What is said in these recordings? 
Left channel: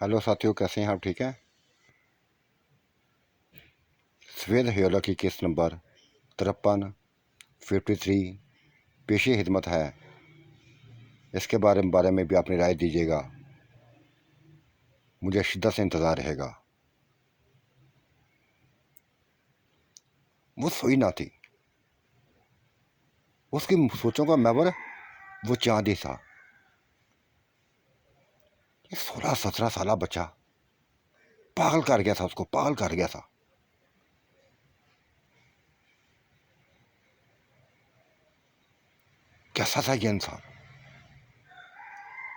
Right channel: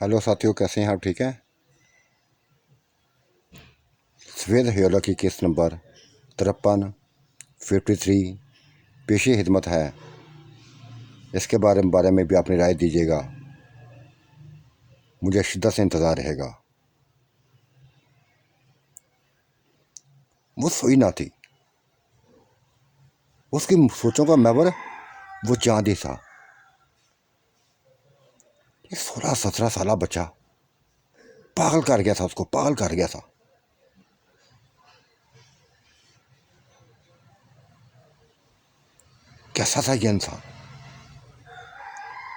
Hello साथियों, कैसे हैं आप? ठीक है। सफ़ेद हयोला की किस्त नंबर 5353 पेशी खिदमत है। इसके बारे में भी अपनी राय दीजिएगा। मुझे शिद्दत से इंतज़ार रहेगा। वो सोई ना थी। उसकी सोचों का महवर वो चांदी था। ये 16-17 साल बच्चा पागल कर गया था, उसको पागल कर गया था। कैसा था ये इंसान?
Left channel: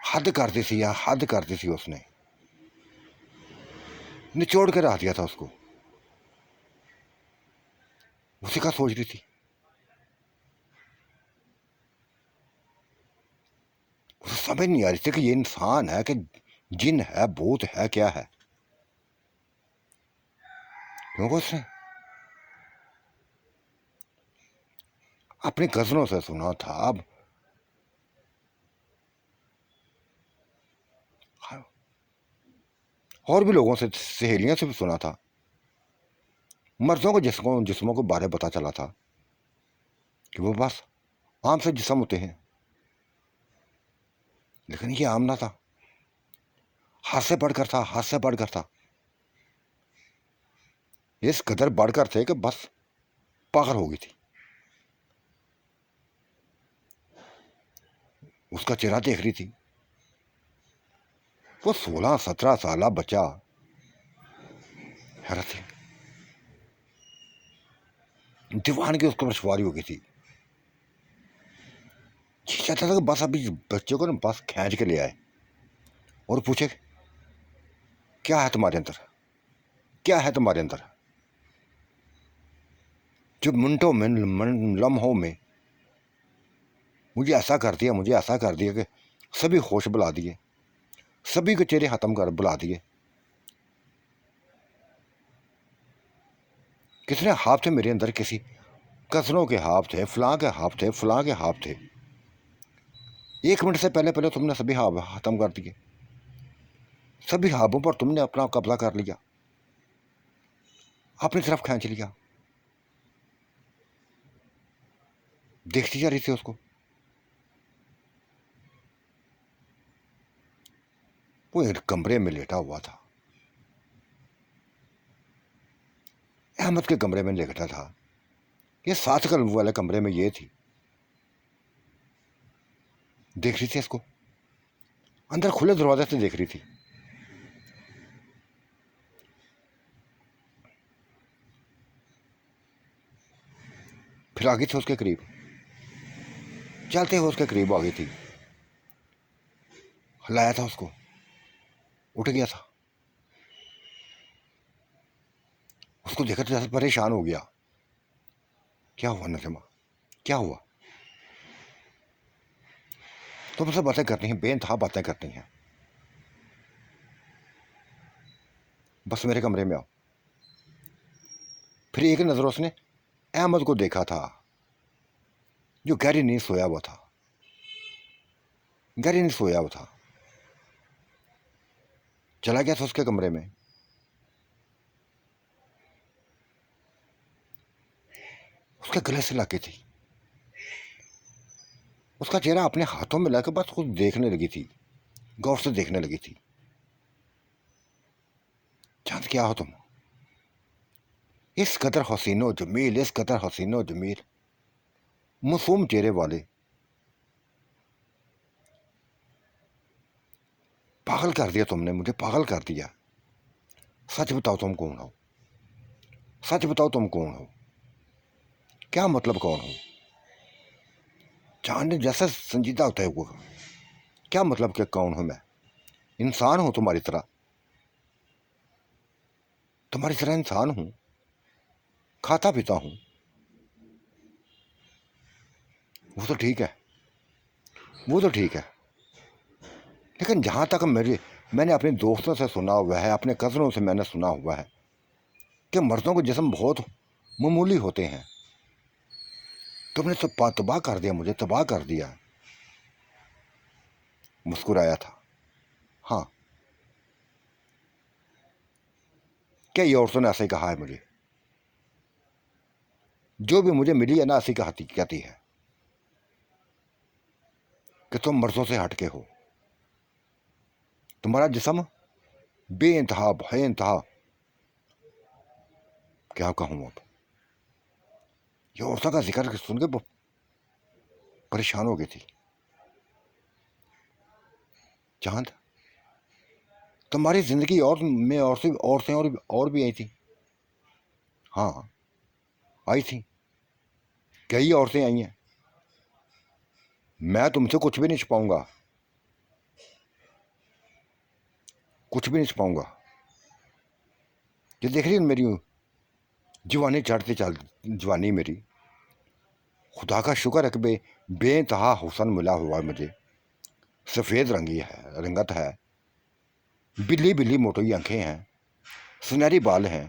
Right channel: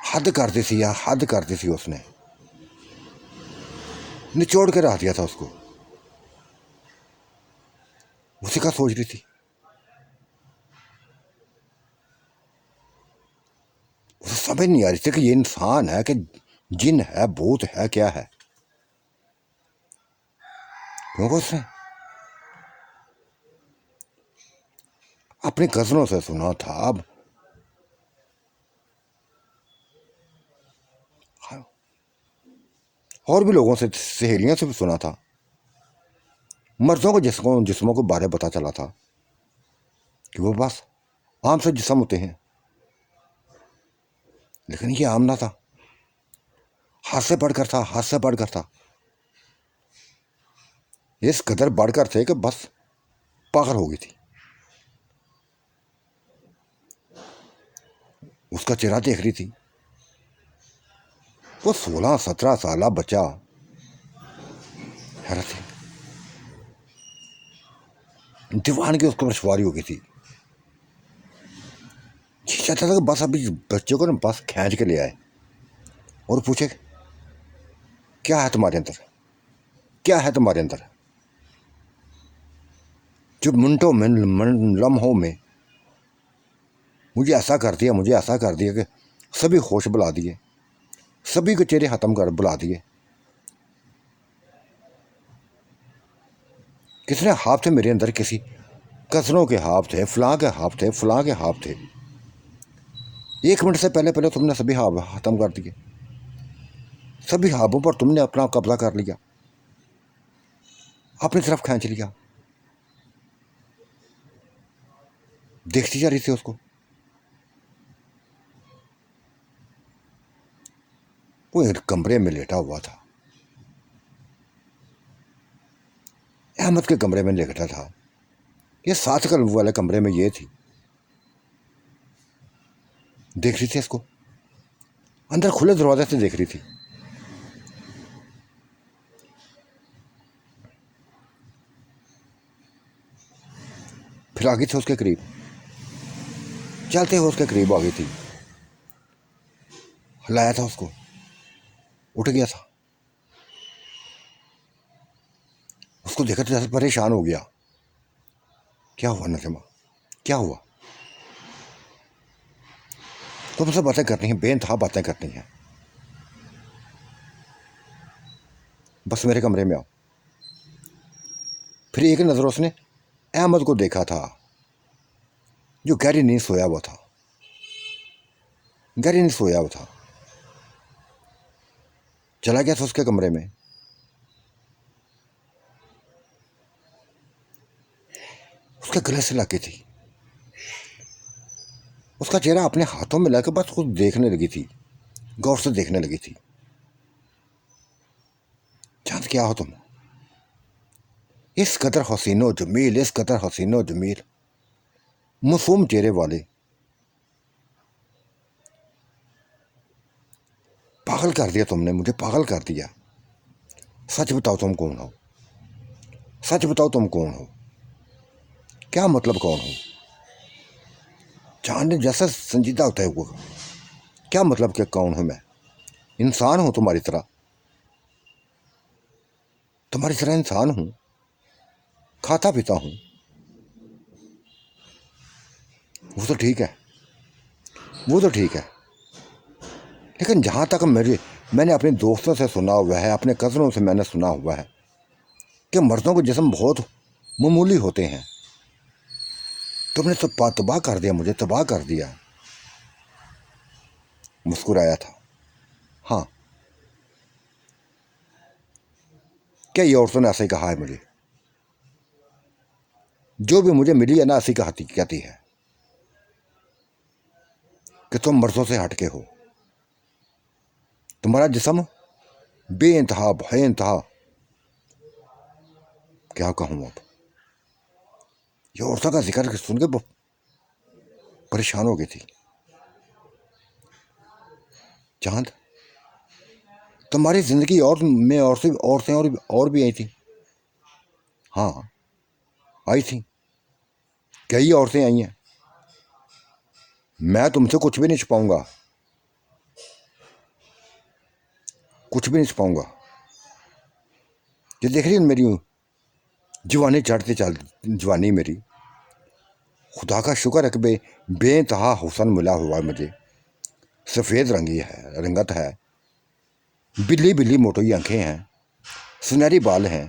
हद कर दी थी यार, हद कर दी थी। उसने निचोड़ के रख दिया था उसको। उसी का सोच रही थी। उसे समझ नहीं आ रही थी कि ये इंसान है कि जिन है, भूत है, क्या है। क्योंकि उसने अपनी कजनों से सुना था। अब और भी लोगों से, सहेलियों से भी सुना था। मर्दों को जिस्मों को बारे पता चला था कि वो बस आम से जिस्म होते हैं, लेकिन ये आम ना था। हाथ से बढ़कर था, हाथ से बढ़कर था। इस कदर बढ़कर थे कि बस पागल हो गई थी। उसका चेहरा देख रही थी। वो 16-17 साल बच्चा हैरत है। दीवान की उसको सवारी हो गई थी। ये चाहता था कि बस अभी बच्चे को ना बस खींच के ले आए और पूछे क्या है तुम्हारे अंदर, क्या है तुम्हारे अंदर। जो मिनटों में, लम्हों में मुझे ऐसा कर दिया, मुझे ऐसा कर दिया कि सभी होश बुला दिए, सभी के चेहरे ख़त्म कर बुला दिए। किसने हाथ थे मेरे अंदर? किसी कजनों के हाथ थे, फलां के हाथ थे, फलां के हाथ थे। 1 मिनट से पहले पहले तुमने सभी हाथ ख़त्म कर दिए। सभी हाथों पर तुमने अपना कब्जा कर लिया, अपनी तरफ खींच लिया। देखती जा रही थी उसको। वो एक कमरे में लेटा हुआ था। अहमद के कमरे में लेटा था। ये साथ वाले कमरे में ये थी। देख रही थी इसको, अंदर खुले दरवाजे से देख रही थी। फिर आ गई थी उसके करीब, चलते हुए उसके करीब आ गई थी। हिलाया था उसको, उठ गया था। उसको देखकर जैसे परेशान हो गया। क्या हुआ नजमा, क्या हुआ? तुमसे बातें करनी है, बेनतहा बातें करनी है। बस मेरे कमरे में आओ। फिर एक नज़र उसने अहमद को देखा था, जो गहरी नींद सोया हुआ था। गहरी नींद सोया हुआ था। चला गया था उसके कमरे में। उसके गले से लगी थी। उसका चेहरा अपने हाथों में लेकर बस खुद देखने लगी थी, गौर से देखने लगी थी। चांद क्या हो तुम, इस कदर हसीनो जमील, इस कदर हसीनो जमील, मासूम चेहरे वाले। पागल कर दिया तुमने मुझे, पागल कर दिया। सच बताओ तुम कौन हो, सच बताओ तुम कौन हो, क्या मतलब कौन हो? चांद ने जैसा संजीदा होता है वो, क्या मतलब कि कौन हूं मैं? इंसान हूं तुम्हारी तरह, तुम्हारी तरह इंसान हूं, खाता पीता हूं। वो तो ठीक है, वो तो ठीक है। लेकिन जहां तक मैंने अपने दोस्तों से सुना हुआ है, अपने कज़नों से मैंने सुना हुआ है कि मर्दों के जिस्म बहुत मामूली होते हैं। तुमने तो तबाह कर दिया, मुझे तबाह कर दिया। मुस्कुराया था। हाँ, कई औरतों ने ऐसे ही कहा है मुझे, जो भी मुझे मिली है ना ऐसी कहती है कि तुम मर्दों से हटके हो, तुम्हारा जिस्म बेइंतहा बेइंतहा, क्या कहूँ अब। ये औरतों का जिक्र सुन के परेशान हो गई थी। चांद, तुम्हारी जिंदगी और में औरतें और भी आई थी। हाँ, आई थी, कई औरतें आई हैं। मैं तुमसे कुछ भी नहीं छुपाऊंगा, कुछ भी नहीं छुपाऊंगा। ये देख रही है मेरी जवानी चढ़ती चल, जवानी मेरी, खुदा का शुक्र है कि बेइंतहा हुस्न मिला हुआ है मुझे। सफ़ेद रंगी है, रंगत है, बिल्ली बिल्ली मोटी आंखें हैं, सुनहरी बाल हैं,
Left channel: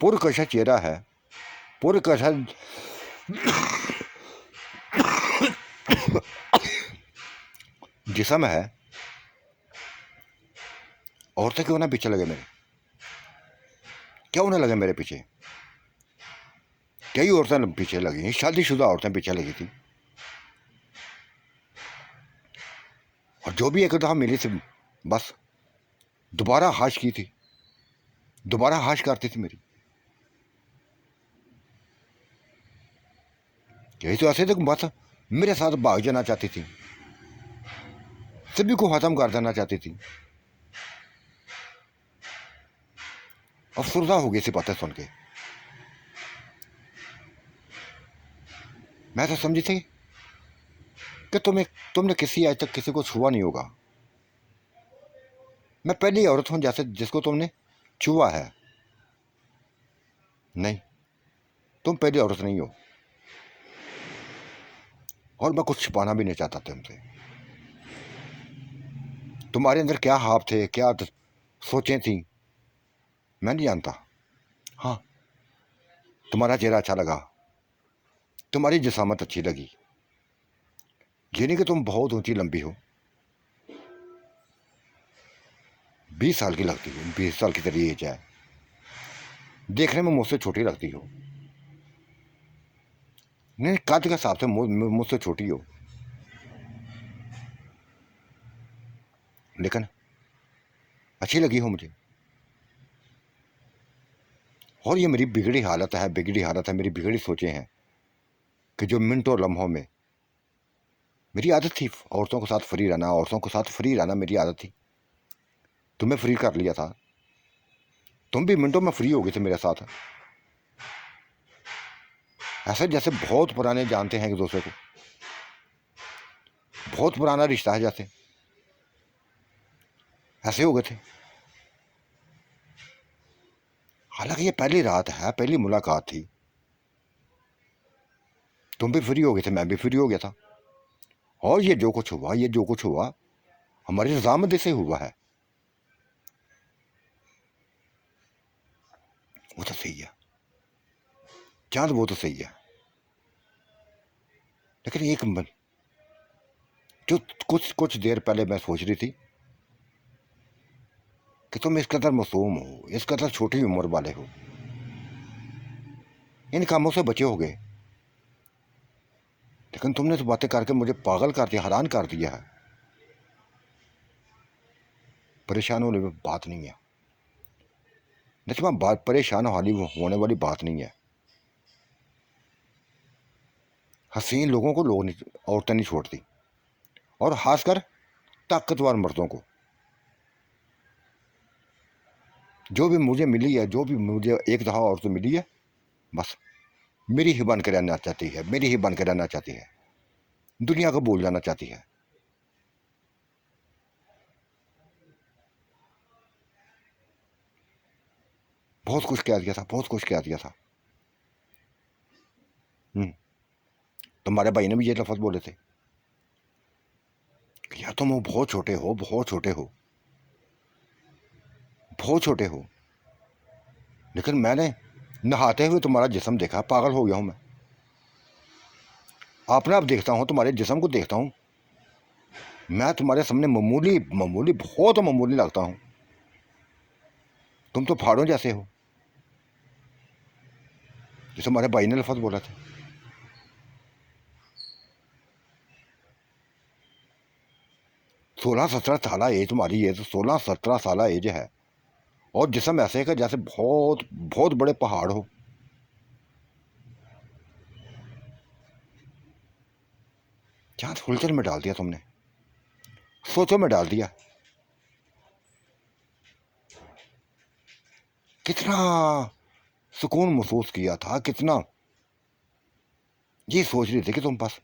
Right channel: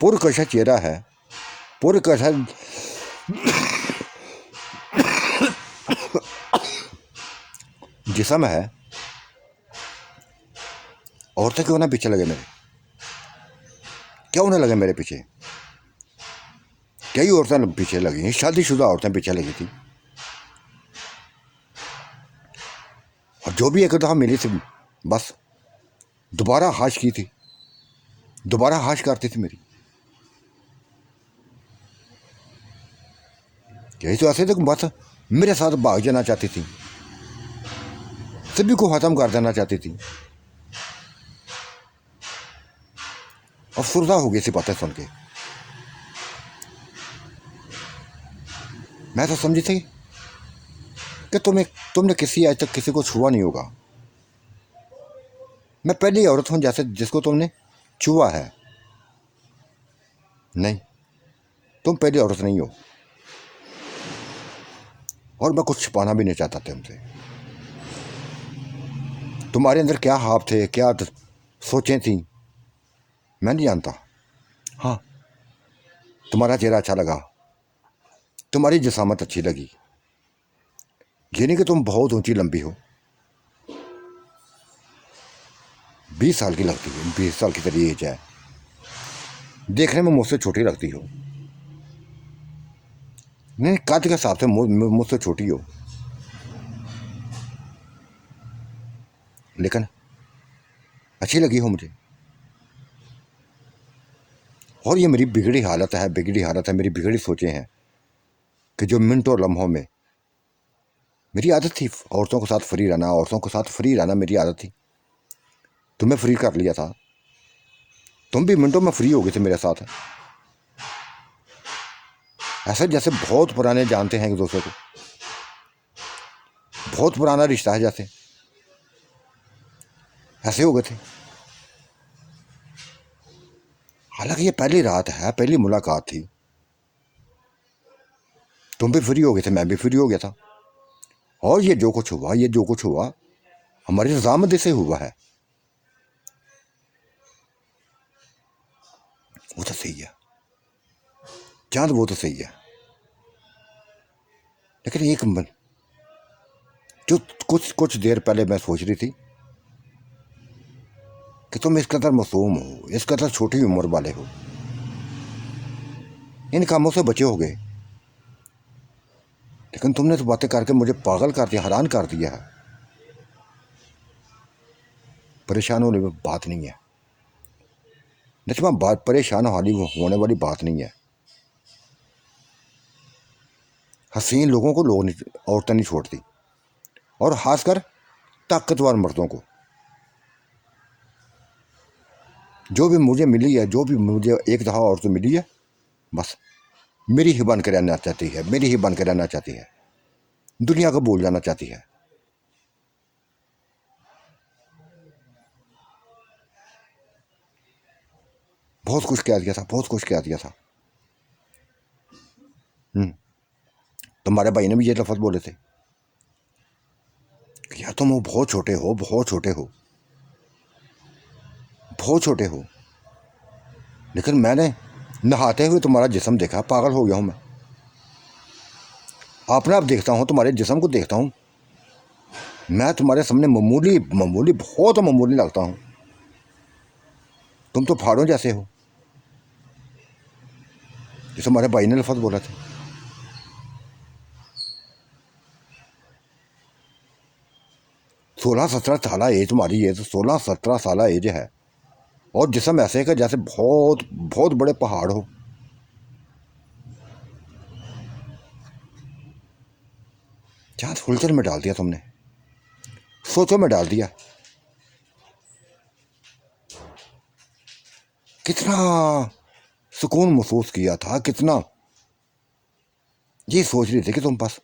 पुरकशा चेहरा है, पुरकशा जिस्म है। औरतें क्यों ना पीछे लगे मेरे, क्यों ना लगे मेरे पीछे। कई औरतें पीछे लगी, शादीशुदा औरतें पीछे लगी थी, और जो भी एक दफ़ा मिली थी बस दोबारा हाश की थी, दोबारा हाश करती थी मेरी। यही तो ऐसे थे कि बस मेरे साथ भाग जाना चाहती थी, सभी को ख़त्म कर देना चाहती थी। अफसरदा हो गई सी बातें सुन के। मैं तो समझी थी कि तुमने आज तक किसी को छुआ नहीं होगा। मैं पहली औरत हूं जैसे जिसको तुमने छुआ है। नहीं, तुम पहली औरत नहीं हो, और मैं कुछ छिपाना भी नहीं चाहता तुमसे। तुम्हारे अंदर क्या ख्वाब थे, क्या सोचें थी, मैं नहीं जानता। हाँ, तुम्हारा चेहरा अच्छा लगा, तुम्हारी जिसामत अच्छी लगी, ये नहीं कि तुम बहुत ऊंची लंबी हो। 20 साल की लगती हो, 20 साल की तेरी एज है, देखने में मुझसे छोटी लगती हो। नहीं, कद के हिसाब से मुझसे छोटी हो, लेकिन अच्छी लगी हो मुझे। और ये मेरी बिगड़ी हालत है, मेरी बिगड़ी सोचें हैं कि जो मिनटों लम्हों में मेरी आदत थी औरतों के साथ फ्री रहना, औरतों के साथ फ्री रहना मेरी आदत थी। तुम्हें फ्री कर लिया था, तुम भी मिनटों में फ्री हो गए थे मेरे साथ। ऐसे जैसे बहुत पुराने जानते हैं एक दूसरे को, बहुत पुराना रिश्ता है जैसे, ऐसे हो गए थे। हालांकि ये पहली रात है, पहली मुलाकात थी, तुम भी फ्री हो गए थे, मैं भी फ्री हो गया था, और ये जो कुछ हुआ हमारी रजामंदी से हुआ है। वो तो सही है चांद, वो तो सही है, लेकिन एक जो कुछ देर पहले मैं सोच रही थी कि तुम इस कदर मासूम हो, इस कदर छोटी उम्र वाले हो, इन कामों से बचे हो गए, लेकिन तुमने तो बातें करके मुझे पागल कर दिया, हैरान कर दिया है। परेशान होने में बात नहीं है नजमा, बात परेशान होने वाली बात नहीं है। हसीन लोगों को औरतें नहीं छोड़ती, और खासकर ताकतवर मर्दों को। जो भी मुझे मिली है, जो भी मुझे एक दफ़ा औरत मिली है, बस मेरी ही बन के रहना चाहती है, मेरी ही बन के रहना चाहती है, दुनिया को भूल जाना चाहती है। बहुत कुछ कह दिया था, बहुत कुछ कह दिया था। तुम्हारे भाई ने भी ये लफ्ज़ बोले थे कि यार तुम बहुत छोटे हो, बहुत छोटे हो, बहुत छोटे हो। लेकिन मैंने नहाते हुए तुम्हारा जिस्म देखा, पागल हो गया हूं मैं। अपने आप देखता हूं, तुम्हारे जिस्म को देखता हूं, मैं तुम्हारे सामने मामूली मामूली बहुत मामूली लगता हूं। तुम तो पहाड़ों जैसे हो, जैसे हमारे भाई ने लफ्ज़ बोला था। 16-17 साल एज तुम्हारी, एज 16-17 साल एज है, और जिसम ऐसे का जैसे बहुत बहुत बड़े पहाड़ हो। चांद फुलकर में डाल दिया तुमने, सोचो में डाल दिया। कितना सुकून महसूस किया था, कितना ये सोच रहे थे कि तुम बस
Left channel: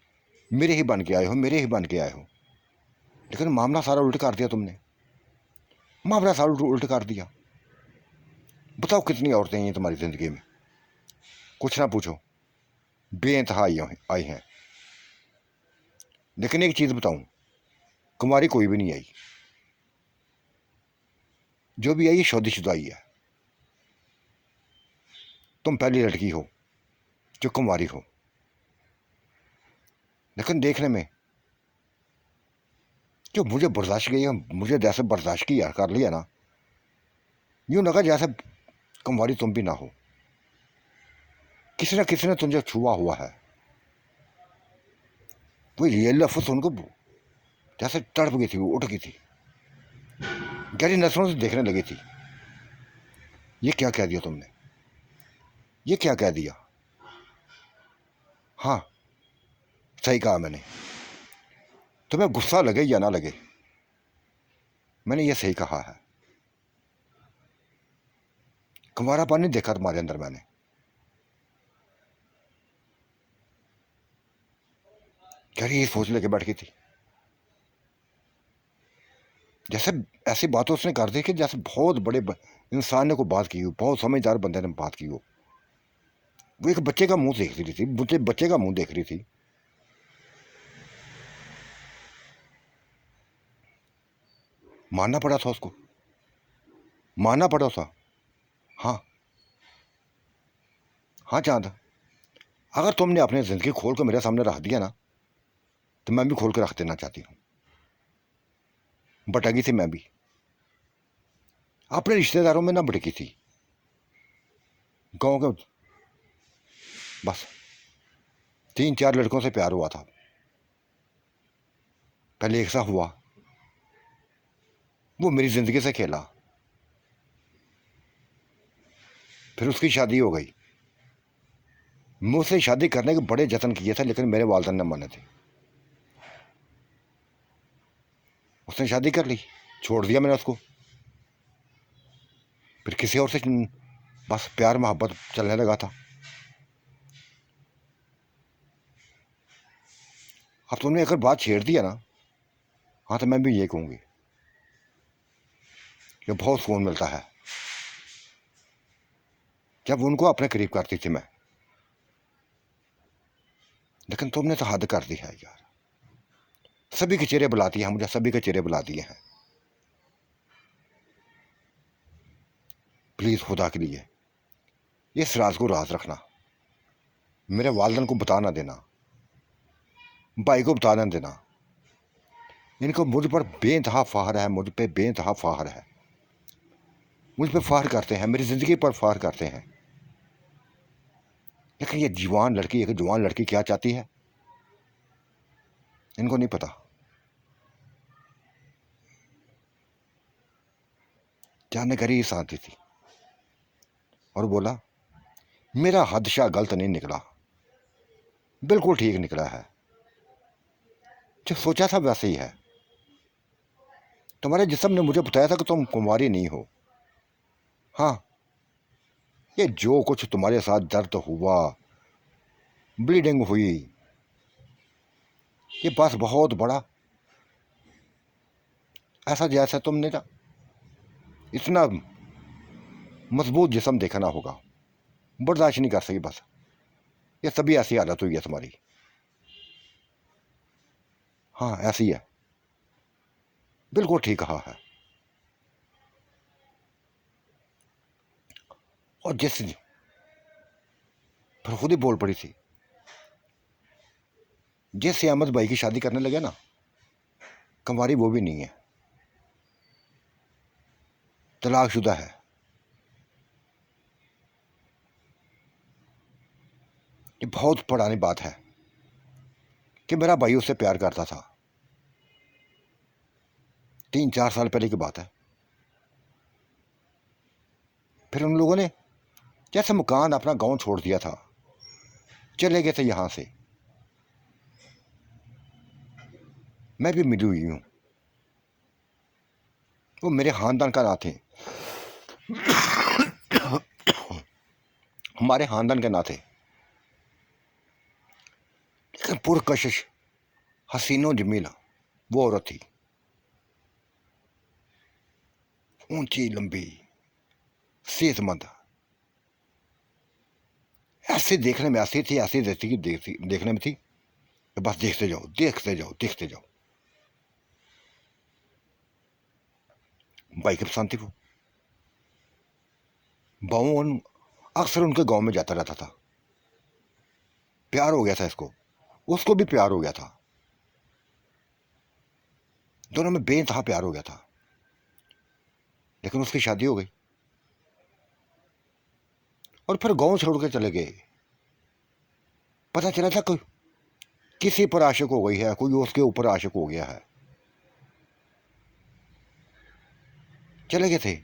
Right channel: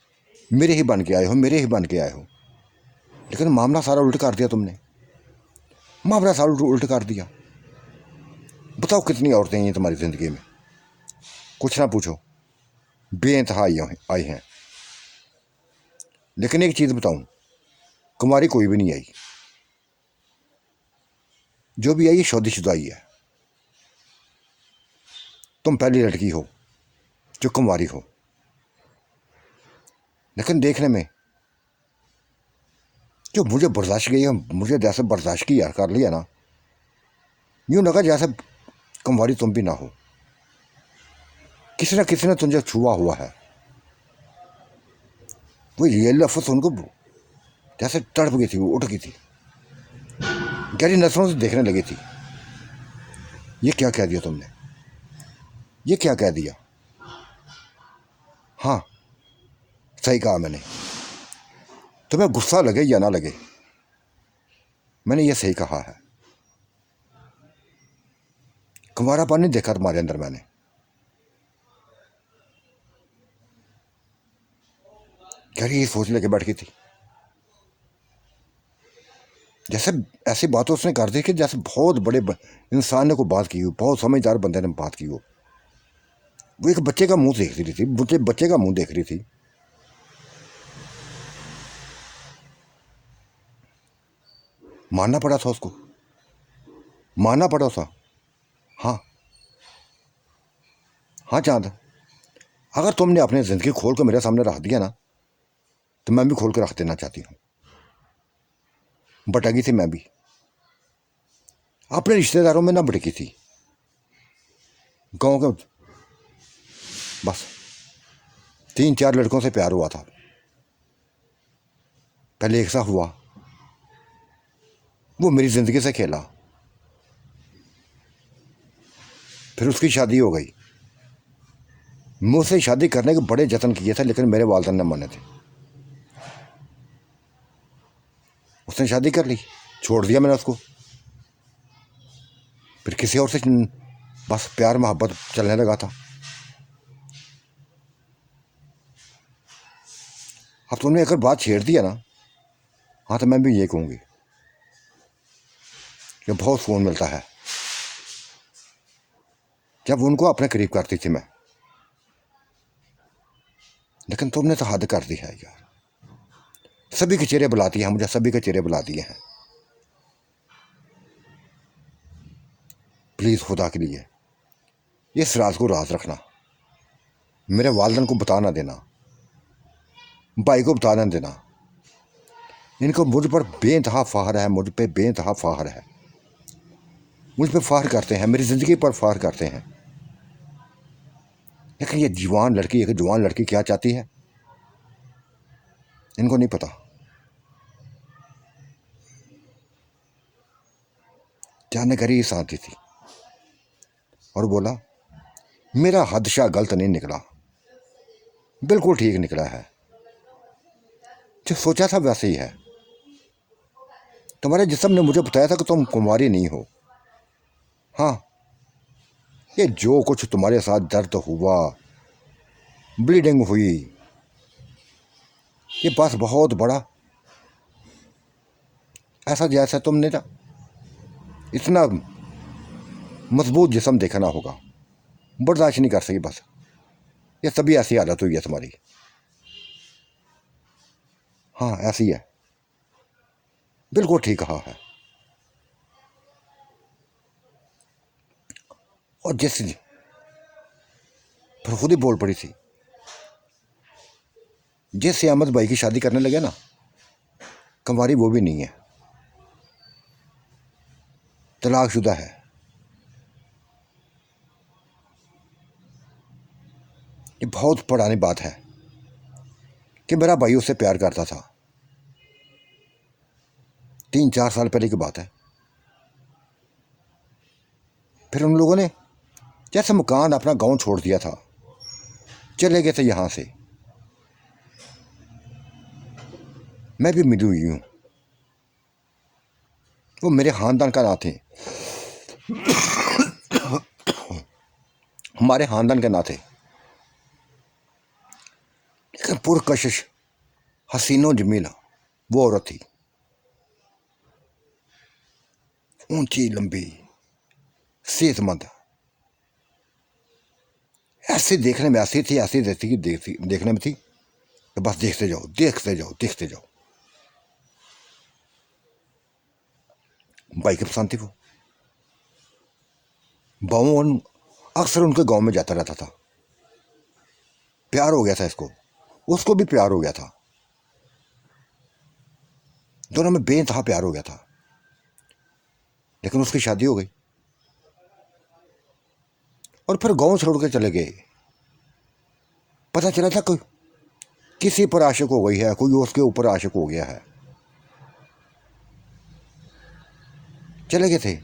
मेरे ही बन के आए हो, मेरे ही बन के आए हो। लेकिन मामला सारा उल्ट कर दिया तुमने, मामला सारा उल्ट कर दिया। बताओ कितनी औरतें हैं तुम्हारी ज़िंदगी में, कुछ ना पूछो, बेइंतहा आई हैं। लेकिन एक चीज़ बताऊं, कुमारी कोई भी नहीं आई, जो भी आई है शादीशुदा ही है। तुम पहली लड़की हो जो कुमारी हो। लेकिन देखने में जो मुझे बर्दाश्त गई है, मुझे जैसे बर्दाश्त किया कर लिया ना, यूँ लगा जैसे कुमारी तुम भी ना हो, किसी न किसी ने तुझे छुआ हुआ है। वो ये लफ्ज़ उनको जैसे तड़प गई थी, वो उठ गई थी, गहरी नजरों से देखने लगी थी। ये क्या कह दिया तुमने, ये क्या कह दिया। हाँ, सही कहा मैंने। तुम्हें गुस्सा लगे या ना लगे, मैंने ये सही कहा है। कुंवारापन नहीं देखा तुम्हारे अंदर मैंने। गहरी ये सोच लेके बैठ गई थी, जैसे ऐसी बातें उसने कर दी कि जैसे बहुत बड़े इंसान ने कोई बात की हो, बहुत समझदार बंदे ने बात की हो। वो एक बच्चे का मुंह देख रही थी, बच्चे का मुंह देख रही थी। मानना पड़ा था उसको, मानना पड़ा था। हाँ हाँ चांद, अगर तुमने अपनी ज़िंदगी खोल कर मेरे सामने रख दिया ना, तो मैं भी खोल कर रख देना चाहती हूँ। भटकी थी मैं भी, अपने रिश्तेदारों में ना भटकी थी, गाँव के बस 3-4 लड़कों से प्यार हुआ था। पहले एक सा हुआ, वो मेरी ज़िंदगी से खेला, फिर उसकी शादी हो गई। मुझसे शादी करने के बड़े जतन किए थे, लेकिन मेरे वालिदैन ने माने थे। उसने शादी कर ली, छोड़ दिया मैंने उसको। फिर किसी और से बस प्यार मोहब्बत चलने लगा था। अब तुमने अगर बात छेड़ दिया ना, हाँ, तो मैं भी ये कहूँगी कि बहुत सुकून मिलता है जब उनको अपने करीब करती थी मैं। लेकिन तुमने तो हद कर दी है यार, सभी के चेहरे बुलाती है मुझे, सभी के चेहरे बुला दिए हैं। प्लीज़ खुदा के लिए इस राज को राज रखना, मेरे वालिदैन को बता ना देना, भाई को बता ना देना। इनको मुझ पर बेइंतहा फ़ख्र है, मुझ पे बेइंतहा फ़ख्र है, मुझ पर फ़ख्र करते हैं, मेरी ज़िंदगी पर फ़ख्र करते हैं। लेकिन ये जवान लड़की, एक जवान लड़की क्या चाहती है इनको नहीं पता। जाने करी शांति थी और बोला, मेरा हादसा गलत नहीं निकला, बिल्कुल ठीक निकला है, जो सोचा था वैसे ही है। तुम्हारे जिस्म ने मुझे बताया था कि तुम कुंवारी नहीं हो। हाँ, ये जो कुछ तुम्हारे साथ दर्द हुआ, ब्लीडिंग हुई, ये बस बहुत बड़ा, ऐसा जैसा तुमने ना इतना मजबूत जिस्म देखा ना होगा, बर्दाश्त नहीं कर सकी बस। ये सभी ऐसी हालत हुई है तुम्हारी। हाँ, ऐसी है, बिल्कुल ठीक कहा है। और जिस फिर खुद ही बोल पड़ी थी, जिससे अहमद भाई की शादी करने लगे ना, कंवारी वो भी नहीं है, तलाकशुदा है। ये बहुत पुरानी बात है कि मेरा भाई उससे प्यार करता था। 3-4 साल पहले की बात है। फिर उन लोगों ने जैसे मकान अपना गांव छोड़ दिया था, चले गए थे यहाँ से। मैं भी मिली हुई हूँ, वो मेरे खानदान का ना थे, हमारे खानदान के ना थे, लेकिन पुरकशिश हसीनो जमीला वो औरत थी। ऊंची लंबी सेहतमंद, ऐसे देखने में ऐसी थी, ऐसी देखने में थी कि बस देखते जाओ देखते जाओ देखते जाओ। भाई की पसंद थी वो। बावन अक्सर उनके गांव में जाता रहता था। प्यार हो गया था इसको, उसको भी प्यार हो गया था, दोनों में बेइंतहा प्यार हो गया था। लेकिन उसकी शादी हो गई और फिर गांव छोड़ के चले गए। पता चला था कोई किसी पर आशिक हो गई है, कोई उसके ऊपर आशिक हो गया है। चले गए थे,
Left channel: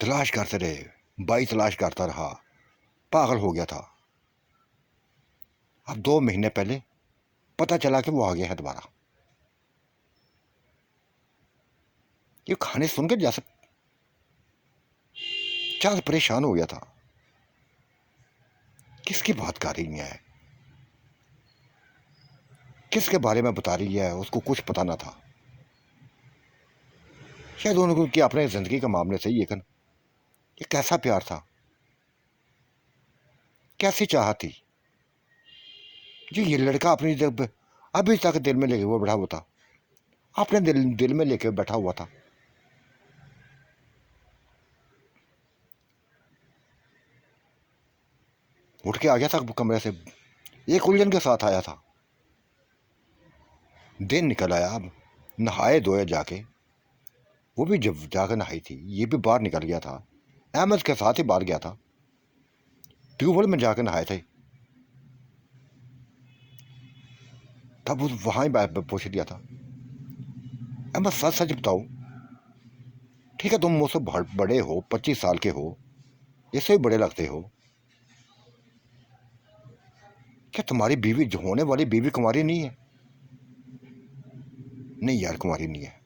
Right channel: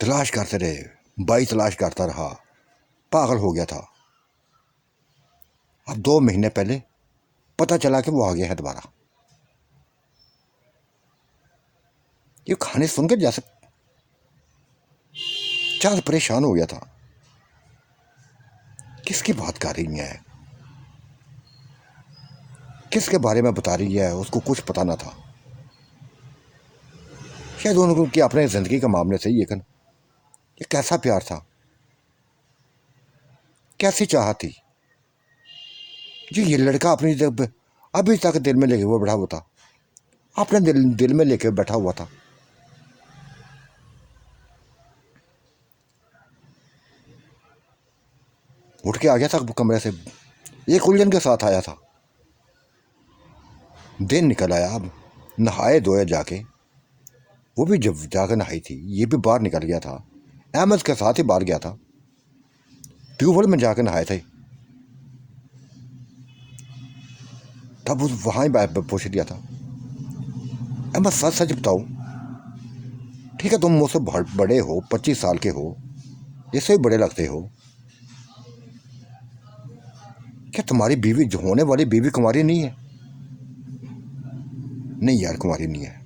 तलाश करते रहे, भाई तलाश करता रहा, पागल हो गया था। अब 2 महीने पहले पता चला कि वो आ गया है दोबारा। ये कहानी सुनकर जैसे चांद परेशान हो गया था। किसकी बात कर रही है, किसके बारे में बता रही है, उसको कुछ पता ना था। शायद उनकी अपने जिंदगी का मामले से, लेकिन ये कैसा प्यार था, कैसी चाह थी जो ये लड़का अपनी जब अभी तक दिल में लेके वो बैठा हुआ था, अपने दिल में लेके बैठा हुआ था। उठ के आ गया था कमरे से, एक उलझन के साथ आया था। दिन निकल आया, अब नहाए धोए जाके, वो भी जब जाकर नहाई थी, ये भी बाहर निकल गया था, अहमद के साथ ही बाहर गया था, ट्यूबवेल में जाके नहाए थे। तब उस वहां ही पूछ दिया था, अहमद सच सच बताओ, ठीक है तुम मुझसे बड़े हो, 25 साल के हो, इससे भी बड़े लगते हो, क्या तुम्हारी बीवी जो होने वाली बीवी कुंवारी नहीं है? नहीं यार, कुंवारी नहीं है।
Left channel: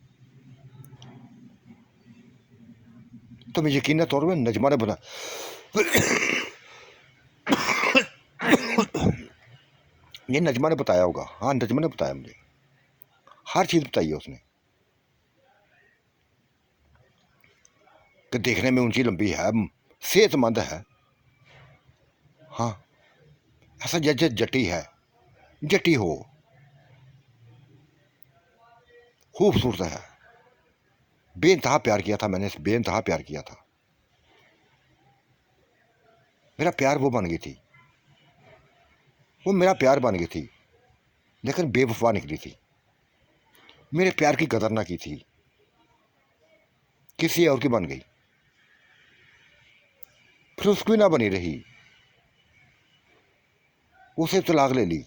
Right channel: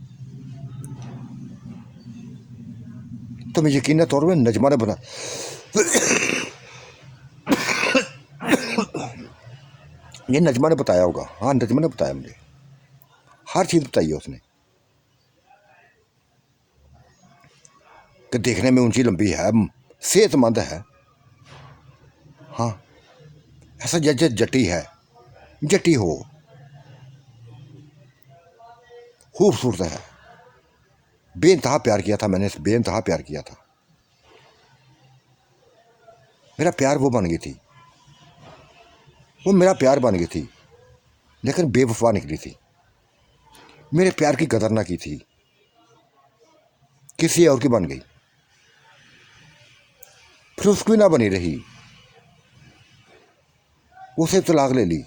तुम्हें यकीन तौर पर नजमा ने बता, ये नजमा ने बताया होगा, हाँ नजमा ने बताया मुझे, हर चीज बताई है उसने कि देखने में ऊंची लंबी है, सेहतमंद है, हाँ ऐसा जैसे जटी है, जटी हो, खूबसूरत है। बेइंतहा प्यार किया था मैंने, बेइंतहा प्यार किया था। मेरा प्यार वो बन गई थी, वो मेरा प्यार बन गई थी, लेकिन बेवफा निकली थी। मेरे प्यार की कदर ना की थी, किसी और की बन गई, फिर उसकी ना बनी रही, उसे तलाक ले ली,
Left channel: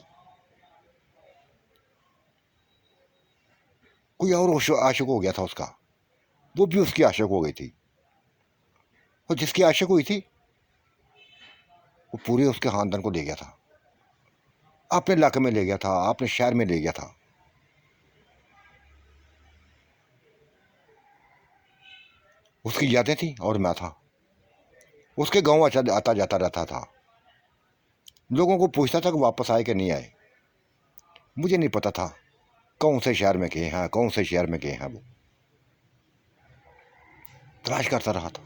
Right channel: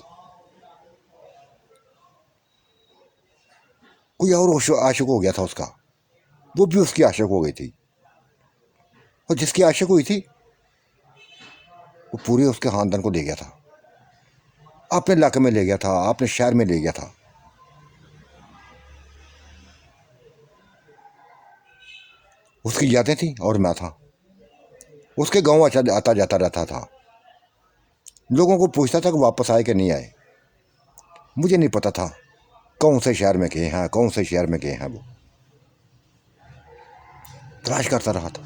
कोई और आशिक हो गया था उसका, वो भी उसकी आशिक हो गई थी, और जिसकी आशिक हुई थी वो पूरे उसके खानदान को ले गया था, अपने इलाके में ले गया था, अपने शहर में ले गया था। उसकी यादें थी और मैं था, उसके गांव आता जाता रहता था, लोगों को पूछता था कि वापस आए कि नहीं आए। मुझे नहीं पता था कौन से शहर में गए हैं, कौन से शहर में गए हैं, वो तलाश करता रहा था।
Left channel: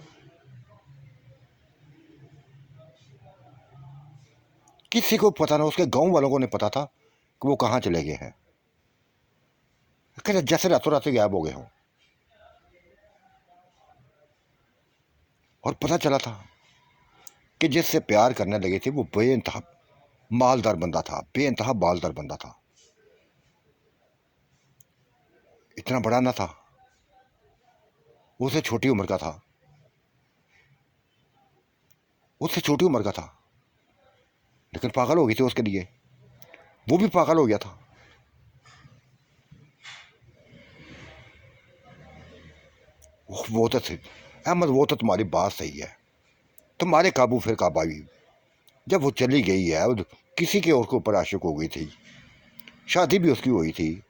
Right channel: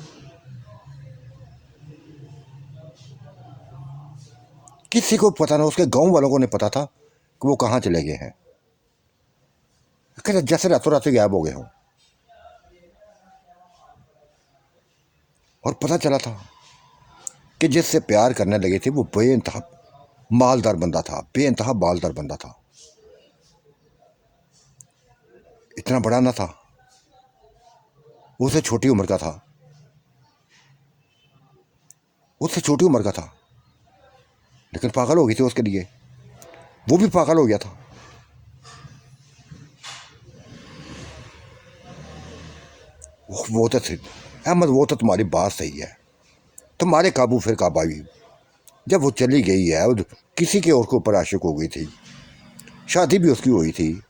किसी को पता ना, उसके गांव वालों को नहीं पता था कि वो कहाँ चले गए हैं, जैसे रातों रात गायब हो गए हों। और पता चला था कि जिससे प्यार करने लगे थे वो बेइंतहा मालदार बंदा था, बेइंतहा मालदार बंदा था, इतना बड़ा ना था, उसे छोटी उम्र का था, उससे छोटी उम्र का था, लेकिन पागल हो गई थी उसके लिए। वो भी पागल हो गया था। वो तो थी अहमद, वो तो तुम्हारी बात सही है, तुम्हारे काबू फिर कब आई। जब वो चली गई है और किसी के और के ऊपर आशिक हो गई थी, शादी भी उसकी हुई थी,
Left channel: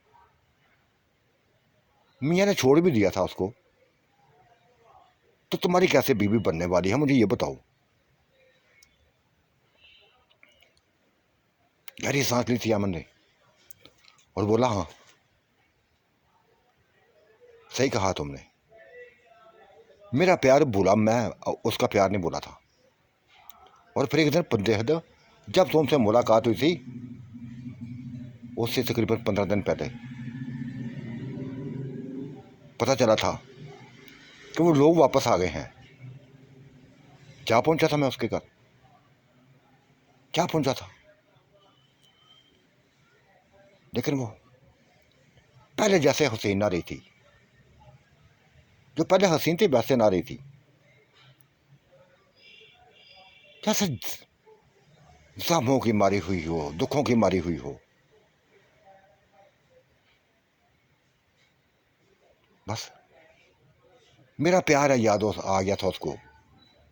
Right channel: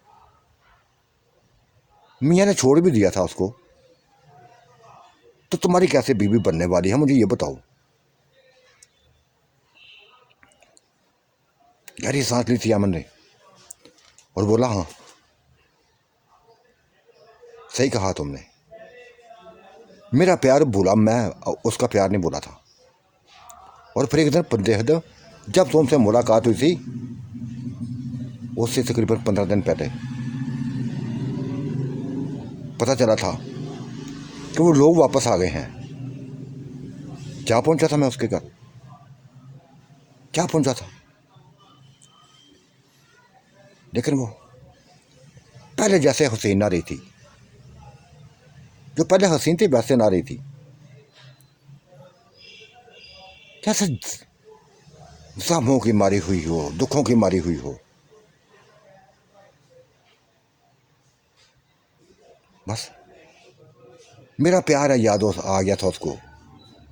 मियाँ ने छोड़ भी दिया था उसको, तो तुम्हारी कैसे बीवी बनने वाली है, मुझे ये बताओ। गहरी सांस ली थी अमन ने और बोला, हाँ सही कहा तुमने, मेरा प्यार भूला, मैं उसका प्यार नहीं भूला था। और फिर एक दिन बेहद, जब तुमसे मुलाकात हुई थी, उससे तकरीबन 15 दिन पहले पता चला था कि वो लोग वापस आ गए हैं। क्या पहुंचा था मैं उसके घर, क्या पहुंचा था, लेकिन वो पहले जैसे हसीन ना रही थी, जो पहले हसीन थी वैसे ना रही थी, जैसे ज़ख्मों की मारी हुई हो, दुखों की मारी हुई हो। बस मेरा प्यार है याद आ गया था उसको,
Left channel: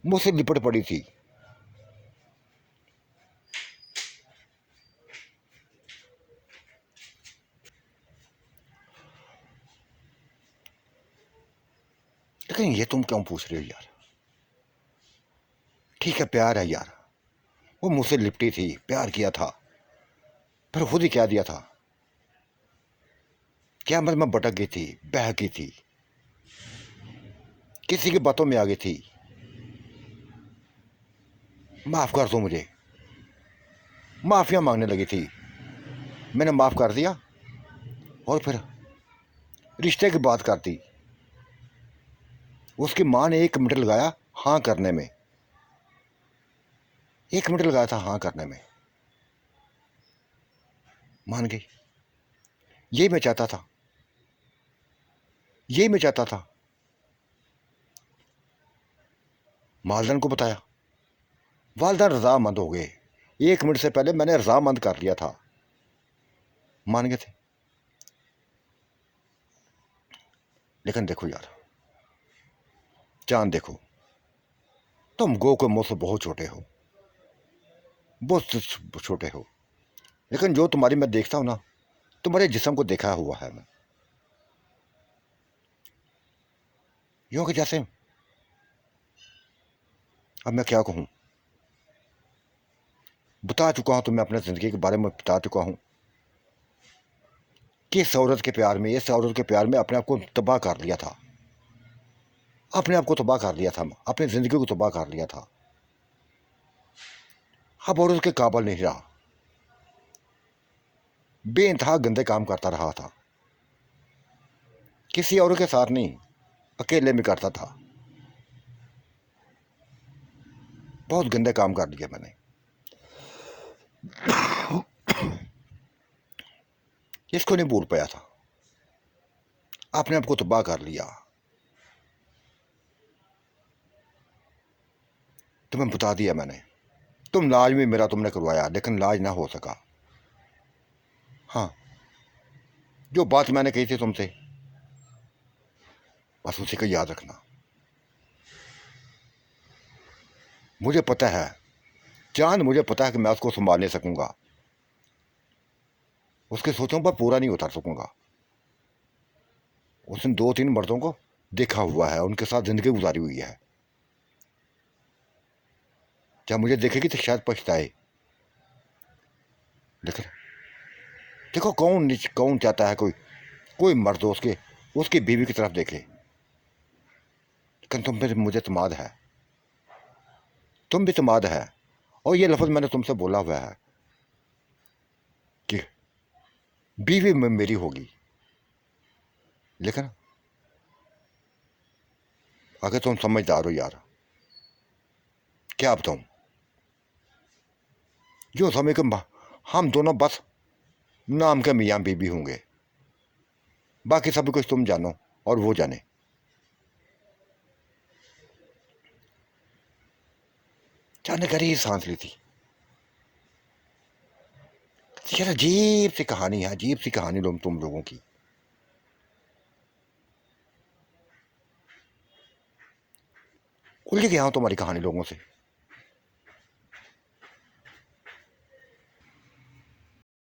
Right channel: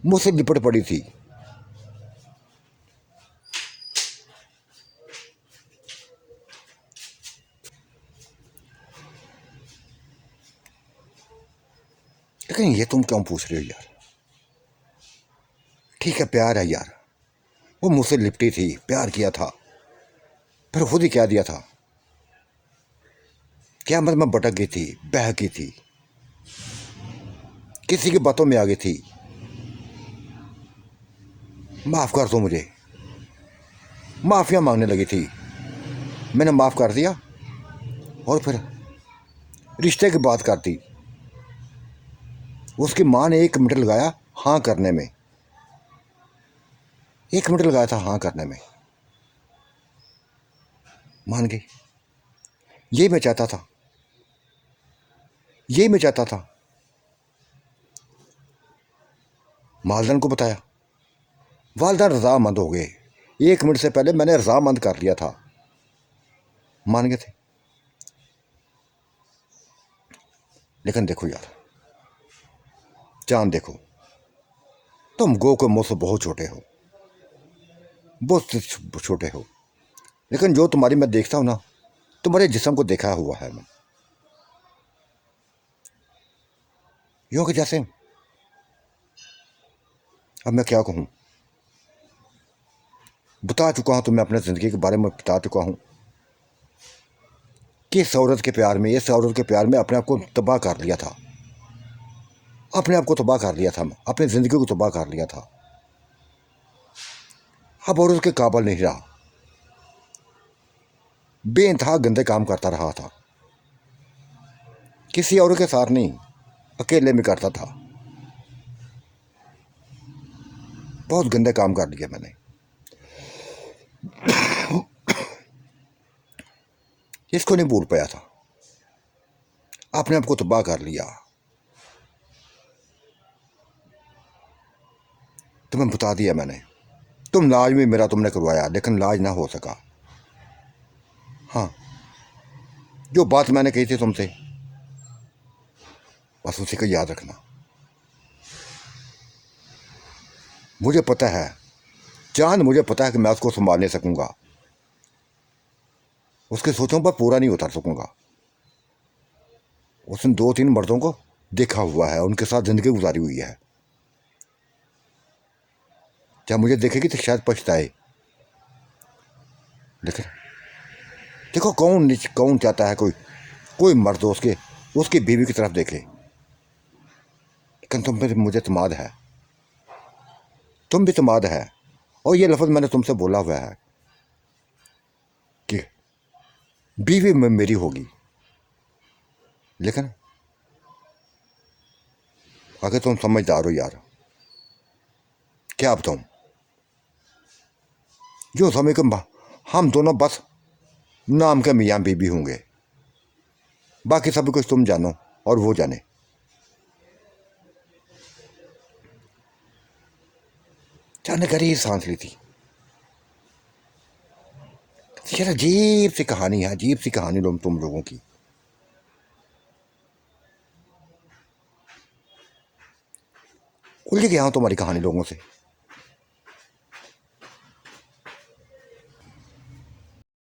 मुझसे लिपट पड़ी थी। लेकिन ये तुम क्यों पूछ रहे हो यार, ठीक है प्यार है यार, वो मुझसे लिपटी थी, प्यार किया था, फिर खुद ही कह दिया था, क्या मतलब मैं भटक गई थी, बह गई थी, किसी की बातों में आ गई थी, माफ कर दो मुझे, माफिया मांगने लगी थी, मैंने माफ कर दिया, और फिर रिश्ते की बात कर दी। उसकी माँ ने 1 मिनट लगाया हाँ करने में, 1 मिनट लगाया था हाँ करने में, मान गई। यही मैं चाहता था, यही मैं चाहता था। मालदन को बताया, वालदा रजामंद हो गए, 1 मिनट से पहले मैंने रजामंद कर लिया था, मान गए थे। लेकिन देखो यार, चांद देखो, तुम गो के मुंह से बहुत छोटे हो, बहुत छोटे हो, लेकिन जो तुम्हारी मैं देखता हूं ना, तुम्हारे जिस्म को देखा हुआ है मैं, यूं कि जैसे, अब मैं क्या कहूं, बता चुका हूं तुम्हें, अपने ज़िंदगी के बारे में बता चुका हूं कि इस औरत के प्यार में, इस औरत के प्यार में अपने आप को तबाह कर लिया था, अपने आप को तबाह कर लिया था, अपनी ज़िंदगी को तबाह कर लिया था। अब औरत के काबिल नहीं रहा, बेइंतहा गंदे काम करता रहा था, किसी और के साथ नहीं, अकेले में करता था, बहुत गंदे काम कर लिए मैंने, इसको नहीं भूल पाया था, अपने आप को तबाह कर लिया। तुम्हें बता दिया मैंने, तुम लाज भी मेरा तुमने करवाया, लेकिन लाज ना हो सका। हाँ, जो बात मैंने कही थी तुमसे, बस उसी को याद रखना। मुझे पता है चांद, मुझे पता है कि मैं उसको संभाल नहीं सकूंगा, उसके सोचों पर पूरा नहीं उतर सकूंगा। उसने 2-3 मर्दों को देखा हुआ है, उनके साथ जिंदगी गुजारी हुई है, जब मुझे देखेगी तो शायद पछताए। लेकिन देखो, कौन चाहता है कोई कोई मर्द उसके उसकी बीवी की तरफ देखे, लेकिन तुम पे मुझे तमाद है, तुम भी तमाद है, और ये लफ्ज़ मैंने तुमसे बोला हुआ है कि बीवी में मेरी होगी। लेकिन अगर तुम समझदार हो यार, क्या बताऊं, जो समय के हम दोनों बस नाम के मियाँ बीबी होंगे, बाकी सब कुछ तुम जानो और वो जाने। चंद गहरी सांस ली थी। यार अजीब सी कहानी है, अजीब सी कहानी तुम लोगों की। उलझ गया हूं तुम्हारी कहानी लोगों से।